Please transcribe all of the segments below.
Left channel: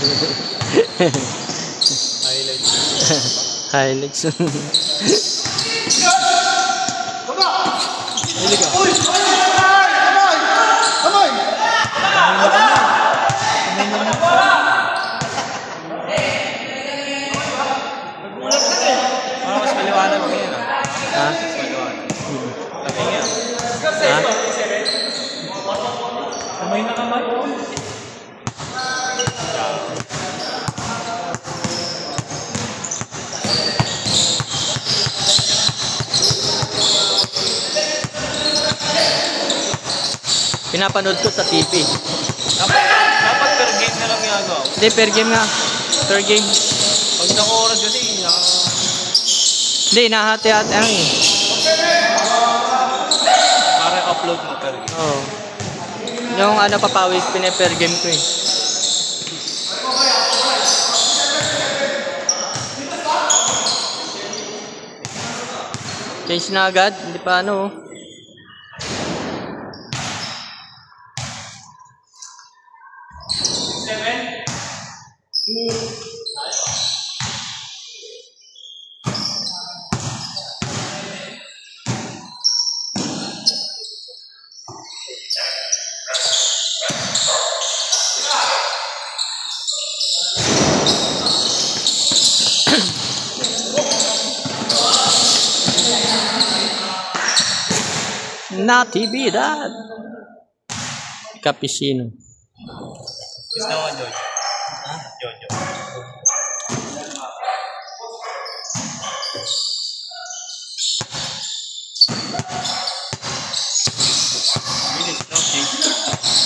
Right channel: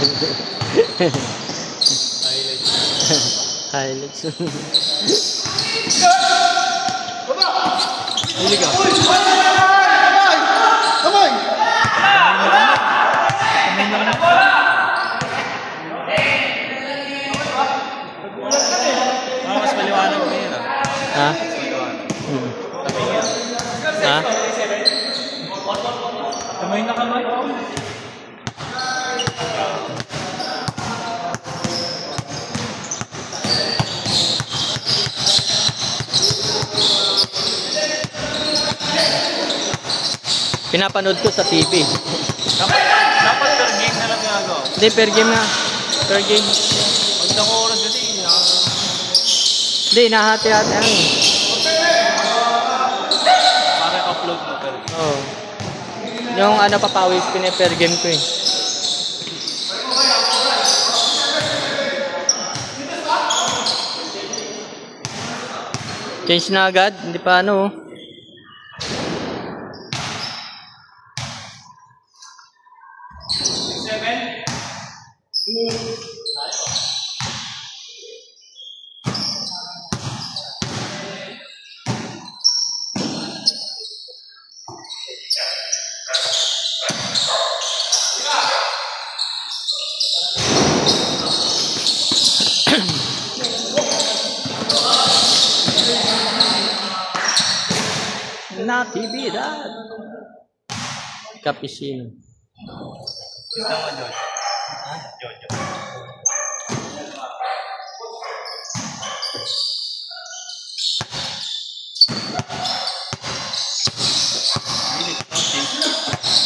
Highlights. Mas maliwanag na yun. Ha? Mas maliwanag. Tabi nga. Ha? Kamay na kamay. Pinapanood ko sa TV. Dapat per game na lang yung ano. Hindi, per game nga. Per game. Ang dako oras kasi. Hindi, nahati-hati ang. Para upload mo per game. Oo. Yung ano papawis, pine-per game ko eh. Change na agad, hindi pa ano oh. Natividad. Cappuccino.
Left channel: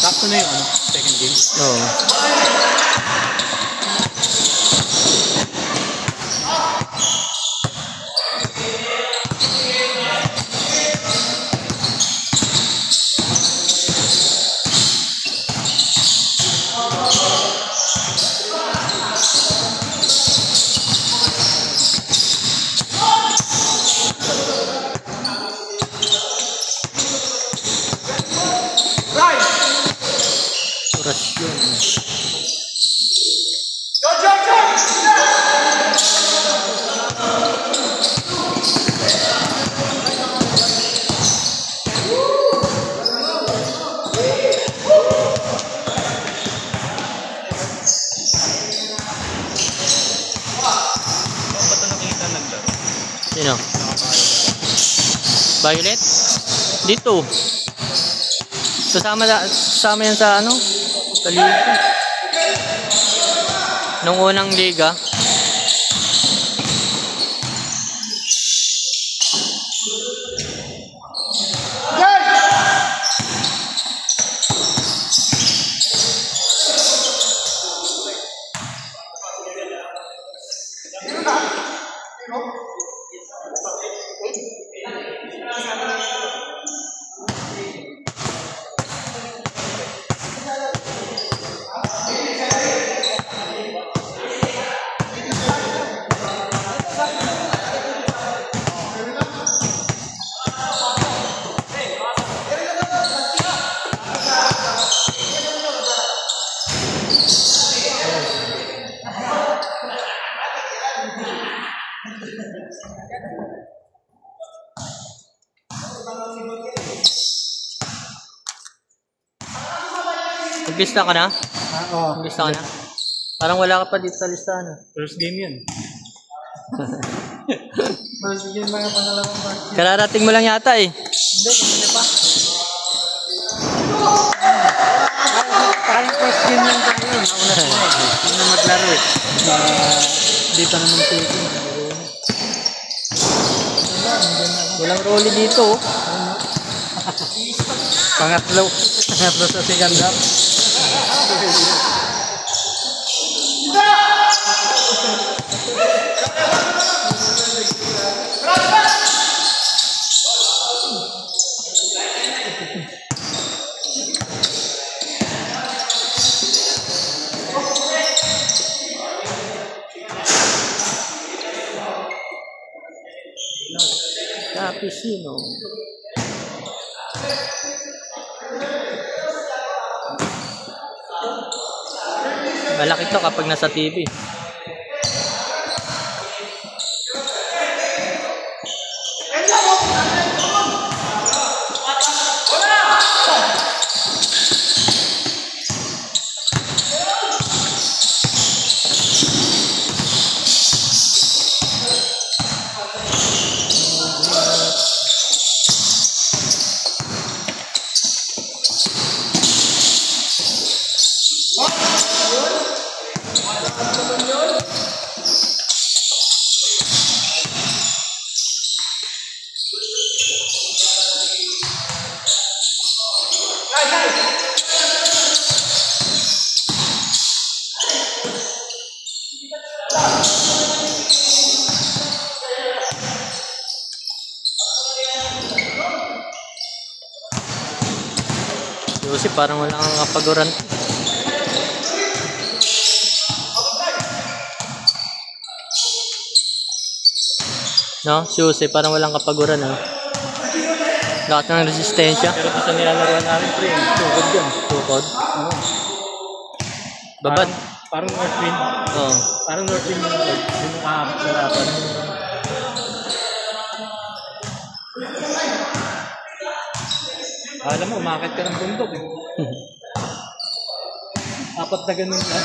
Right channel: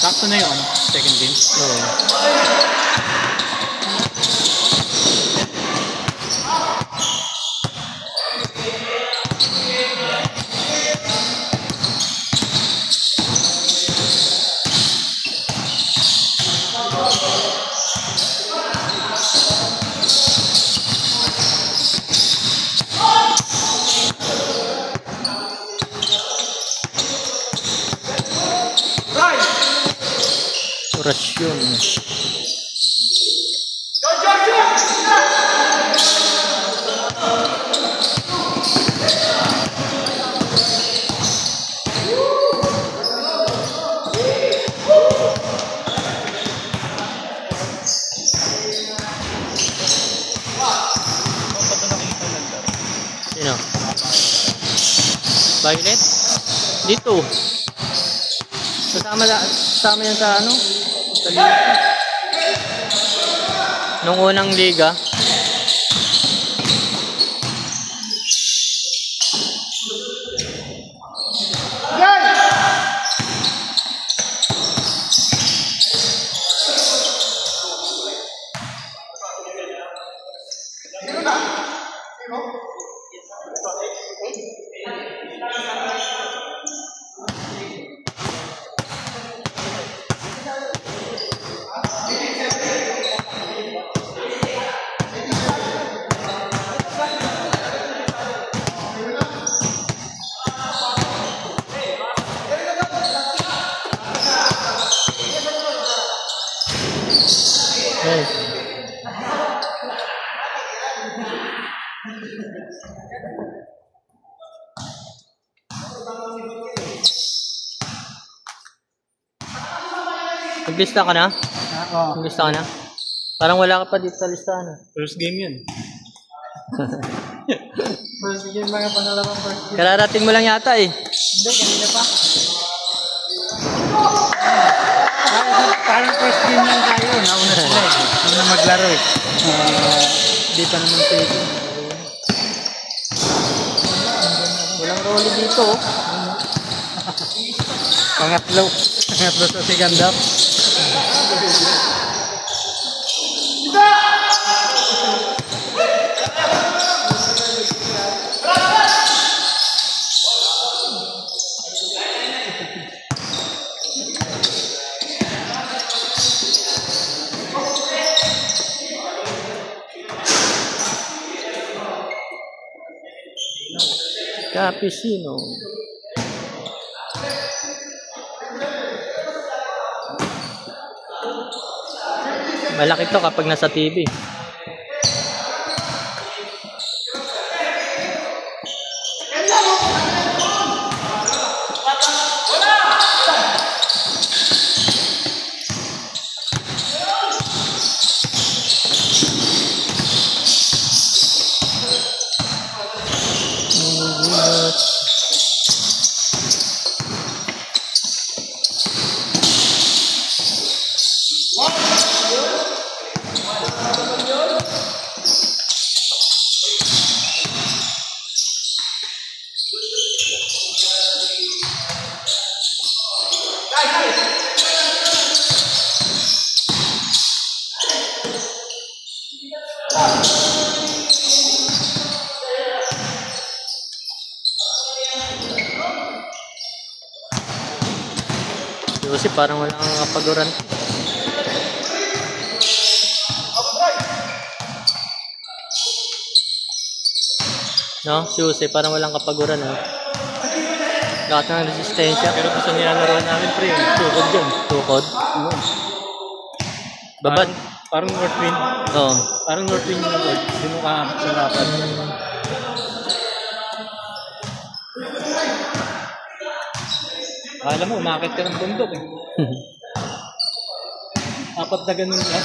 Sakto na yun. Second game. Oo. Orasyon. Sino? Violet? Dito. Kasama yan sa ano? Sa liga. Nung unang liga. Maglista ka na? Oo. Maglista ka na? Parang wala ka pa dito sa listahan. First game yun. First game lang yung pangalawang first game. Kararating mo lang yata eh. Hindi, kanina pa. Parang first game lang tayo. Nauna sila eh. Hindi na maglaro eh. Di pa naman tayo. Walang rolly dito oh. Pangatlo. Pangatlo sa Sigandar. Cappuccino. Malaki to kapag nasa TV. Kasi parang wala kang kapaguran. No? Si Jose parang walang kapaguran. No? Lahat ng resistensya. Pero gusto nilalaro namin pre. Tukod yan. Tukod. Babad. Parang Northwind. Oo. Parang Northwind yung tukod. Hindi mo kakasarapan. Alam mo, umakit ka ng bundok eh. Apat na ganun yan.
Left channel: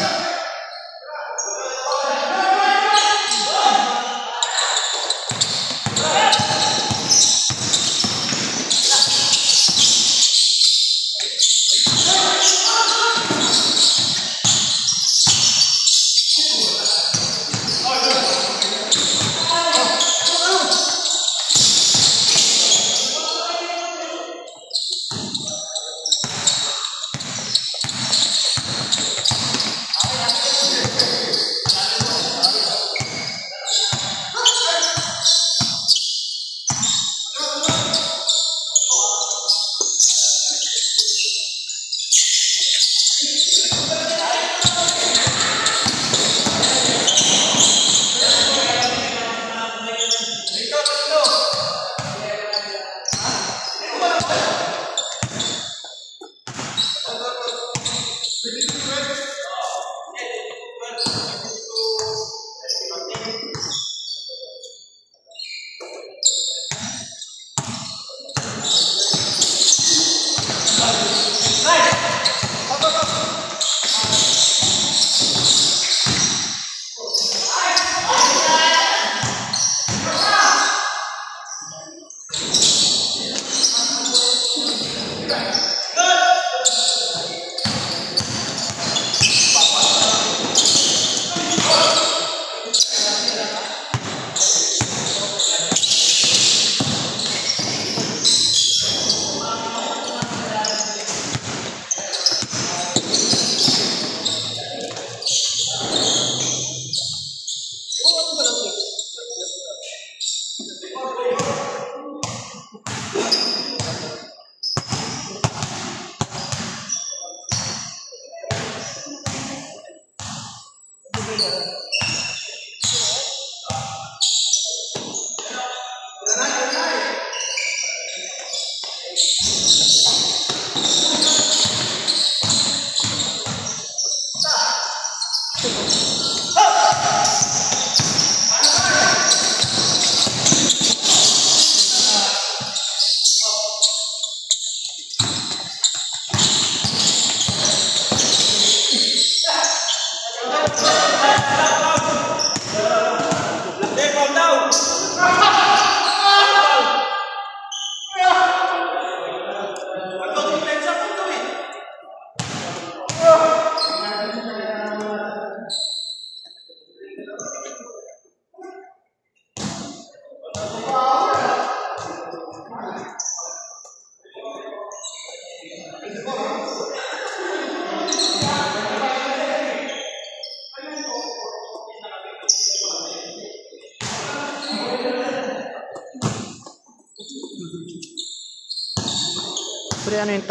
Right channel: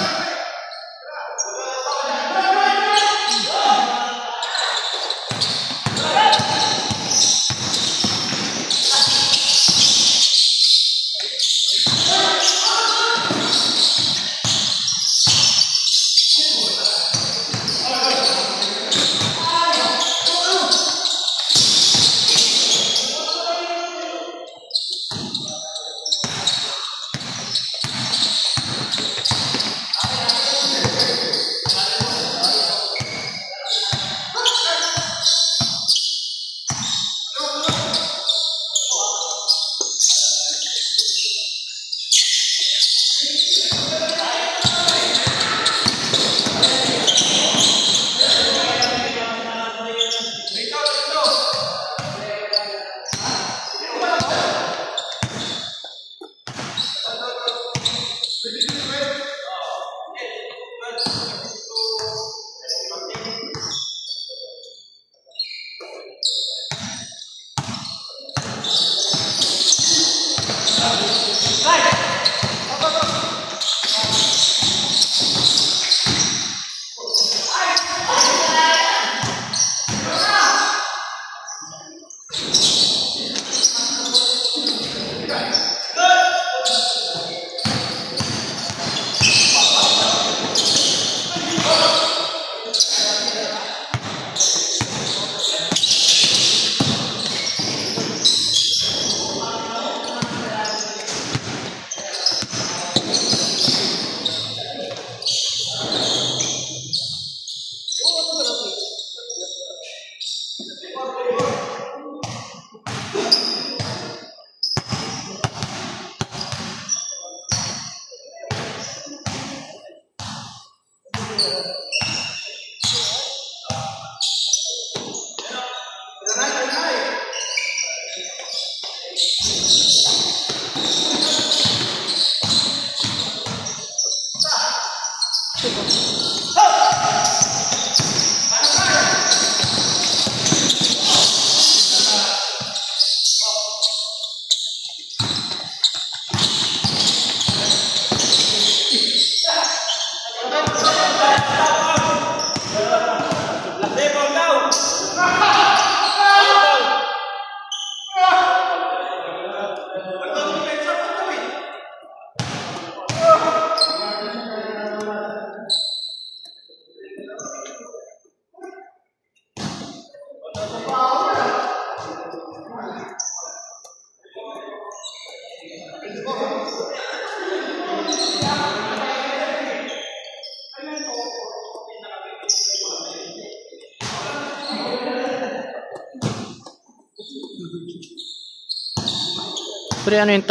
Pre, ano yung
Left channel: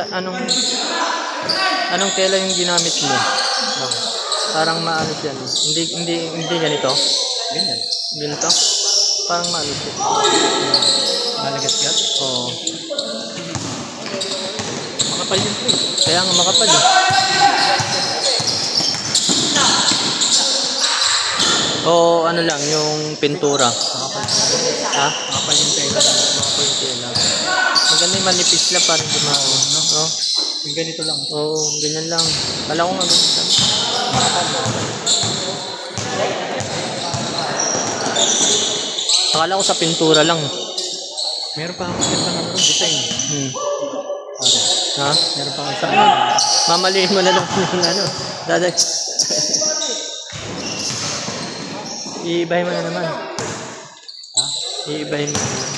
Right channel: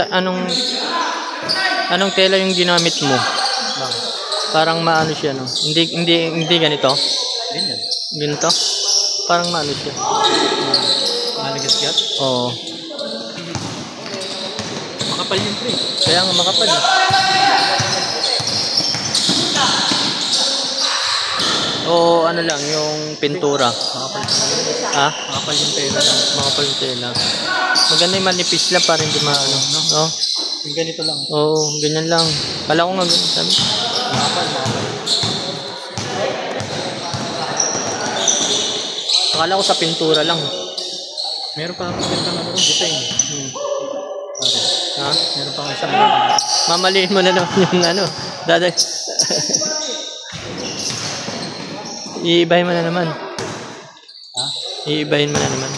anong tela yung ginamit mo? Parang maano siya, no? Hindi ganito. Ganito. Parang maano siya. Nalagas-gat? Oo. Makapal yun pre. Kaya nga makapal eh. O ano lang, yung pintura. Ha? Kapal yung tela. Makapal yung tela. Maganda yung manipis lang para hindi no? Yung ganito lang. Oo, ganyan lang. Kala ko nga ganyan sabi. Akala ko sa pintura lang. Meron pa akong gandang ano, design. Pare. Ha? Meron pa akong isang Mamaliin mo na lang yung ano. Dadag. Iibahin mo na naman. Ha? Iibahin mo na naman.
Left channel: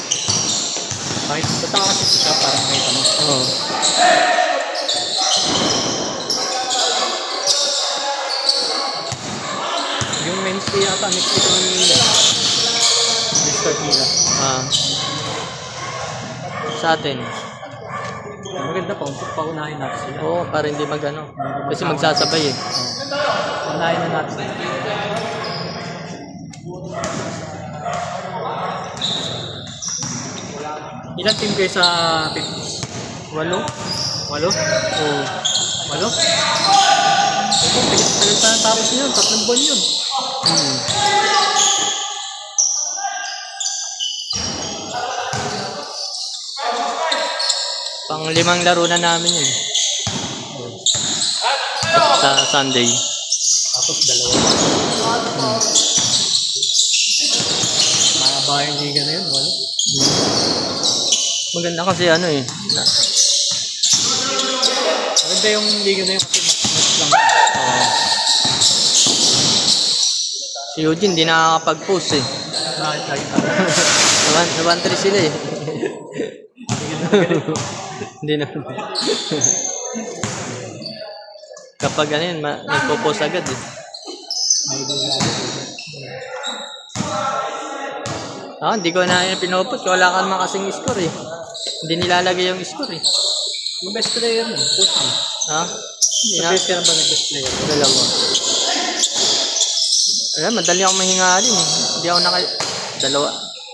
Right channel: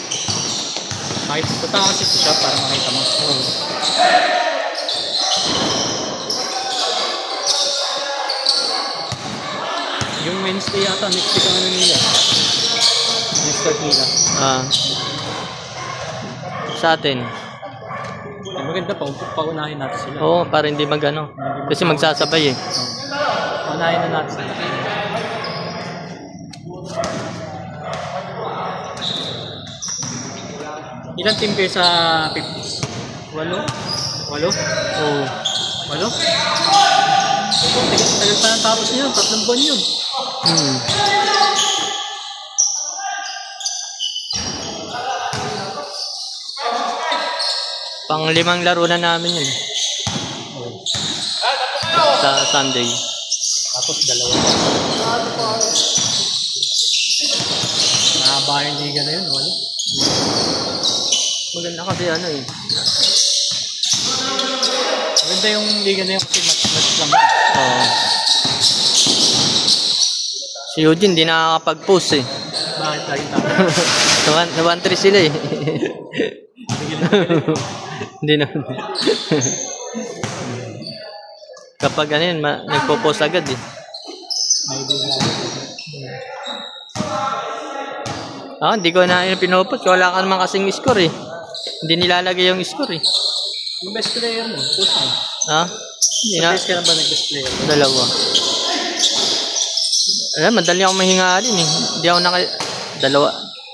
Punta ka kasi sa shop para makita mo. Oo. Yung mainstay yata, next week ano nila. Next week nila. Sa atin. Maganda pa, paunahin natin sila. Oo, para hindi magano. Kasi magsasabay eh. Paunahin na natin sila. Ilan team kayo sa 50? 8? 8? Oo. 8? Ito, tigil sa tapos yun, 3 buwan yun. Pang 5 laro na namin yun. Sa Sunday. Tapos 2 pa. Mahaba yung liga na yun, 8. Maganda kasi ano eh. Maganda yung liga na yun kasi match lang. Oo. Si Eugene hindi nakakapag-post eh. Bakit tayo Sa 1-3 sila eh. Hindi na. Kapag ano yun, nagpo-post agad eh. Hindi ko na pinopost. Wala ka naman kasing score eh. Hindi nilalagay yung score eh. Yung best player mo, post mo. Ha? Hindi na. Post ka na ba ng best player? 2. Madali ako mahingalin eh. Hindi ako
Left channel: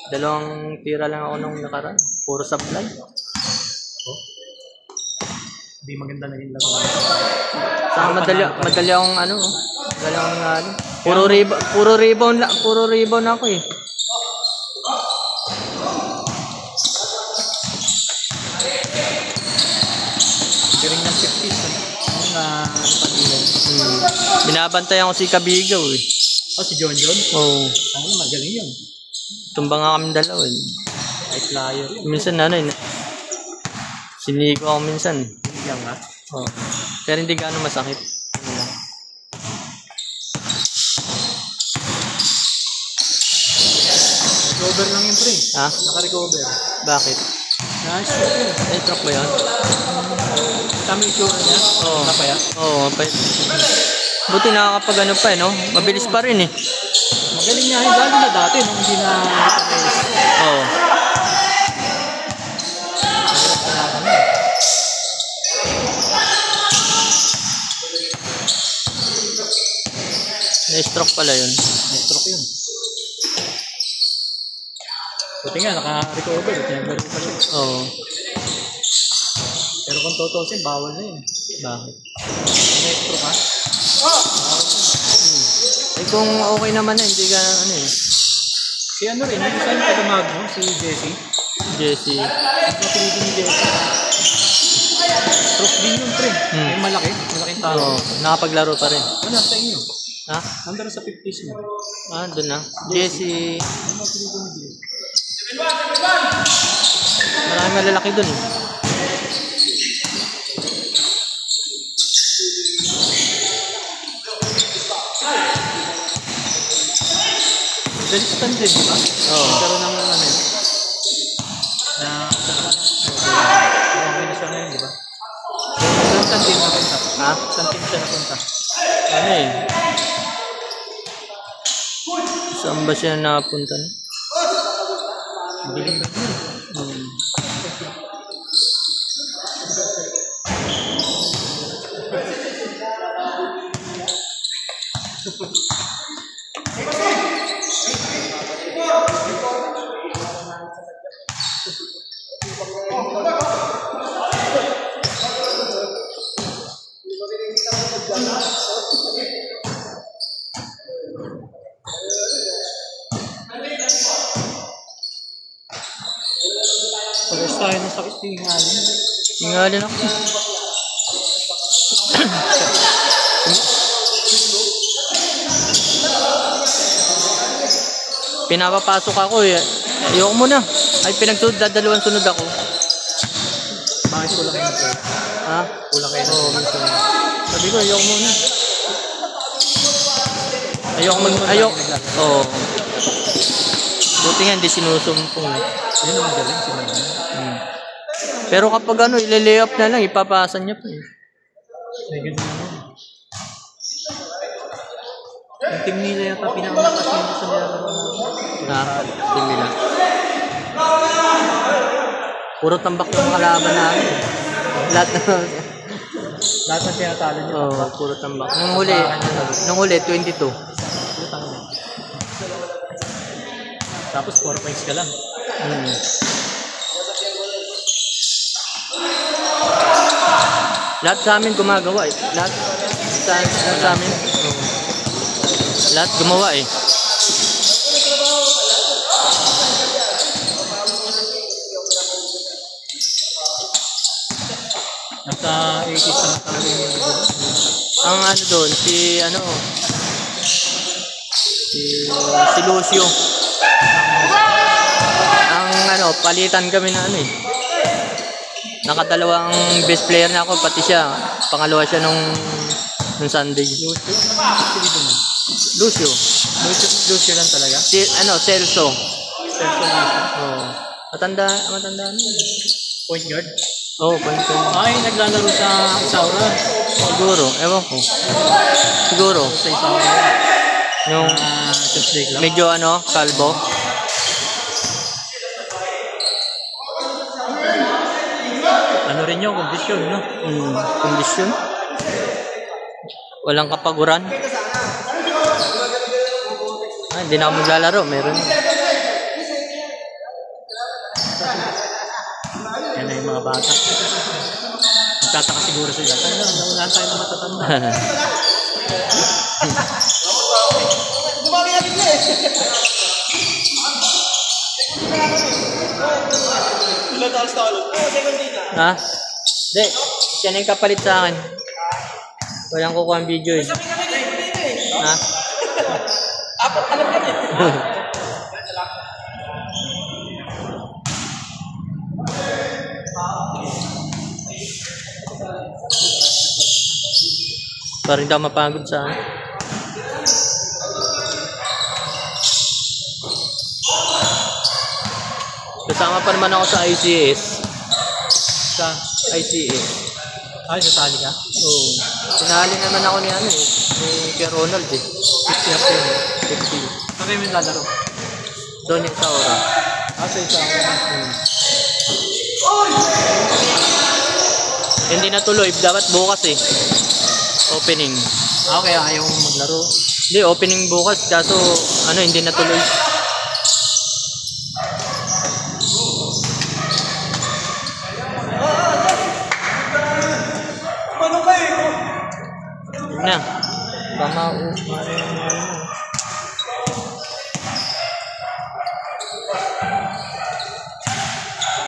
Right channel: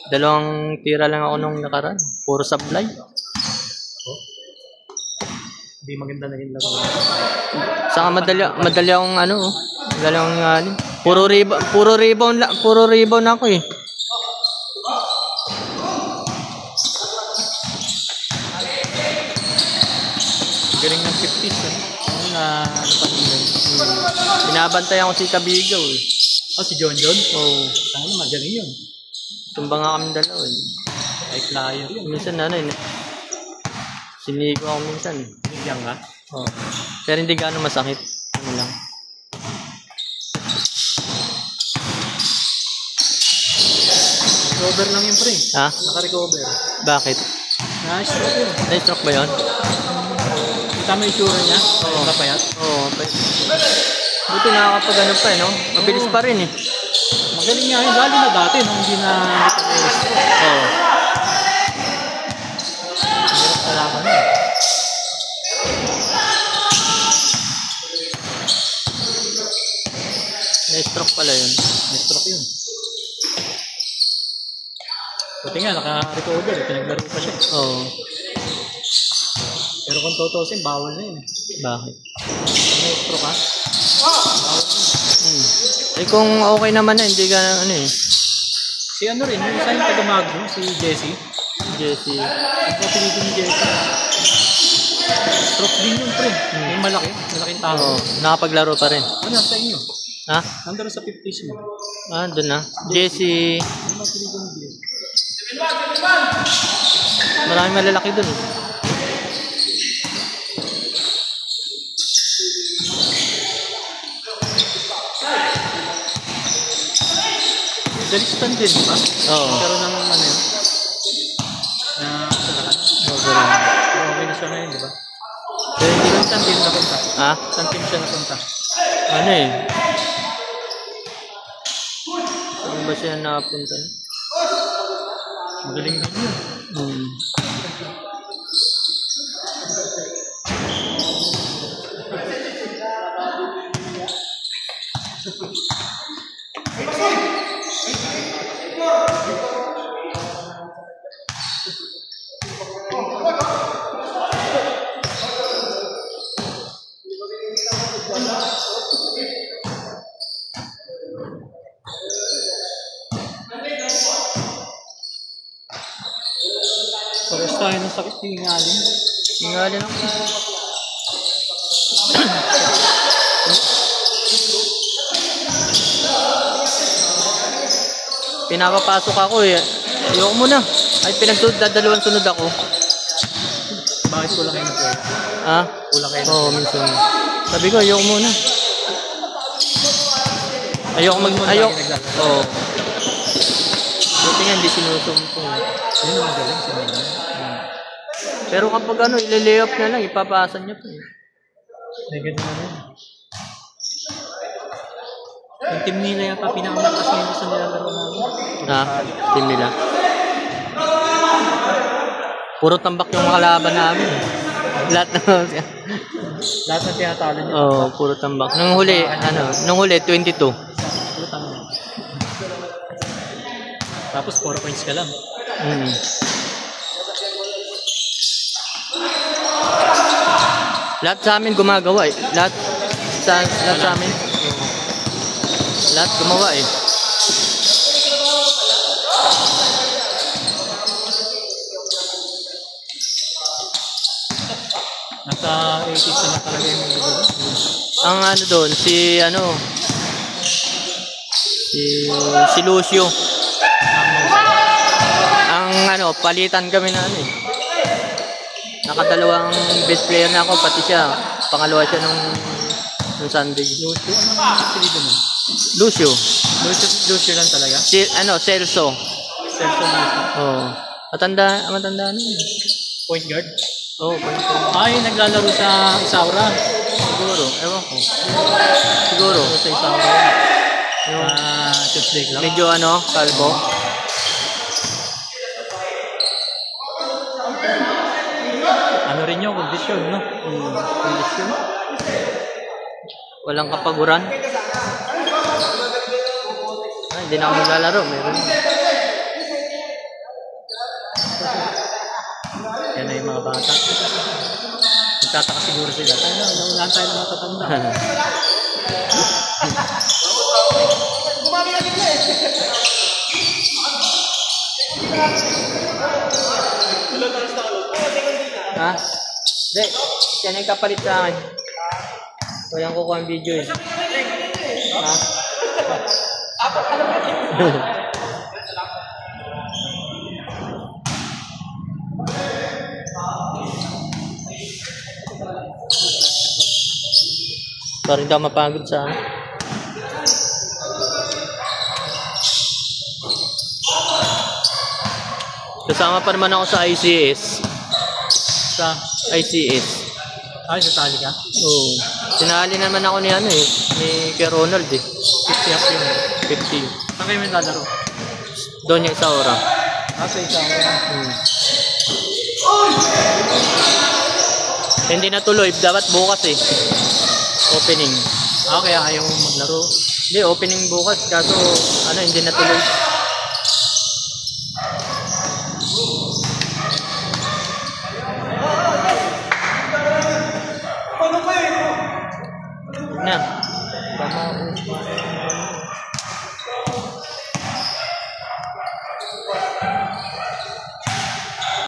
dalawang tira lang ako nung nakaraan. Puro supply. Hindi maganda naging laro. Saka madali akong ano, madali akong mahingalin. Puro rebound ako eh. Galing ng 50s eh. Binabantayan ko si Kabigaw eh. Si John? Oo. Magaling yun. Tumbang nga kami dalawa eh. High flyer yun. Minsan ano eh. Sinigo ako minsan. Sinigyan nga. Oo. Pero hindi gaano masakit. Ano lang. Recover lang yun, pre. Ha? Naka-recover. Bakit? Na-stroke yun. Na-stroke ba yun? Tama yung tsura niya? Oo. Napayat? Oo. Buti nakakapag ano pa eh, no? Mabilis pa rin eh. Magaling nga. Lalo na dati nung hindi na Oo. kalaban na. Na-stroke pala yun. Na-stroke yun. Buti nga, naka-recover. Pinaglaro pa siya. Oo. Pero kung tutusin, bawal na yun. Bakit? Na-stroke ha? Eh kung okay naman na, hindi ka ano eh. Si ano rin, yung isa yung Padumagno, si Jesse. Jesse. Yung pinipin ni Jesse. Stroke din yun, pre. Yung malaki, malaking tao. Oo. Nakapaglaro pa rin. Ano, sa inyo? Ha? Nandun sa 50s mo. Doon na. Jesse. Ano ang pinipin ni Jesse? Maraming malalaki doon. Galistan din, di ba? Oo. Pero ng ano, organisa na yun, di ba? Pero saan din napunta? Ha? Saan team siya napunta? Ano eh? Saan ba siya napunta na? Magaling din yun. tayo ng sakit tingalin. Tingalin ako. Pinapapasok ako eh. Ayoko muna. Ay pinagdadalawang sunod ako. Bakit ko lang ito? Ha? Wala kayo. Oo, minsan. Sabi ko, ayoko muna. Ayoko. Oo. Buti nga, hindi sinusumpong. Yun ang magaling. Pero kapag ano, ile-lay up na lang, ipapasan niya pa eh. May ganun naman. Yung team nila yung pinamalakas nila sa nilalaro namin. Ha? Team nila. Puro tambak yung mga kalaban namin. Lahat na. Lahat ng tinatalo nila. Oo, puro tambak. Nung huli, 22. Puro tambak. Tapos 4 points ka lang. Lahat sa amin gumagawa eh. Lahat sa amin. Oo. Lahat gumawa eh. Nasa 80s na talaga yung mga dito. Ang ano doon, si Lucio. Ang ano, palitan kami na ano eh. Nakadalawang best player na ako, pati siya. Pangalawa siya nung Sunday. Lucio. Lucio lang talaga. Celso. Celso Lucio. Oh. Matanda na. Point guard. Oh, point guard. Ay, naglalaro sa Isaura. Siguro, ewan ko. Siguro. Sa Isaura. Yung Tuesday lang. medyo kalbo. Ano rin yung kondisyon, no? Kondisyon. Walang kapaguran. Ay, hindi na ako maglalaro. Meron. Yan na yung mga bata. Nagtataka siguro sila. Wala tayo na matatanda. Ha? Hindi. Siya na yung kapalit sa akin. Walang kukuha ang video eh. Ha? Para hindi ako mapagod sa akin. Kasama pa naman ako sa ICS. Sa ICS. Ay, sasali ka? Oo. Sinali naman ako ni kay Ronald eh. 50 years yun. 50. Saan kayo naglalaro? Doon yung Isaura. Sa Isaura. Hindi natuloy. Dapat bukas eh. Opening. Kaya ayaw mo maglaro. Hindi, opening bukas. Kaso, hindi natuloy.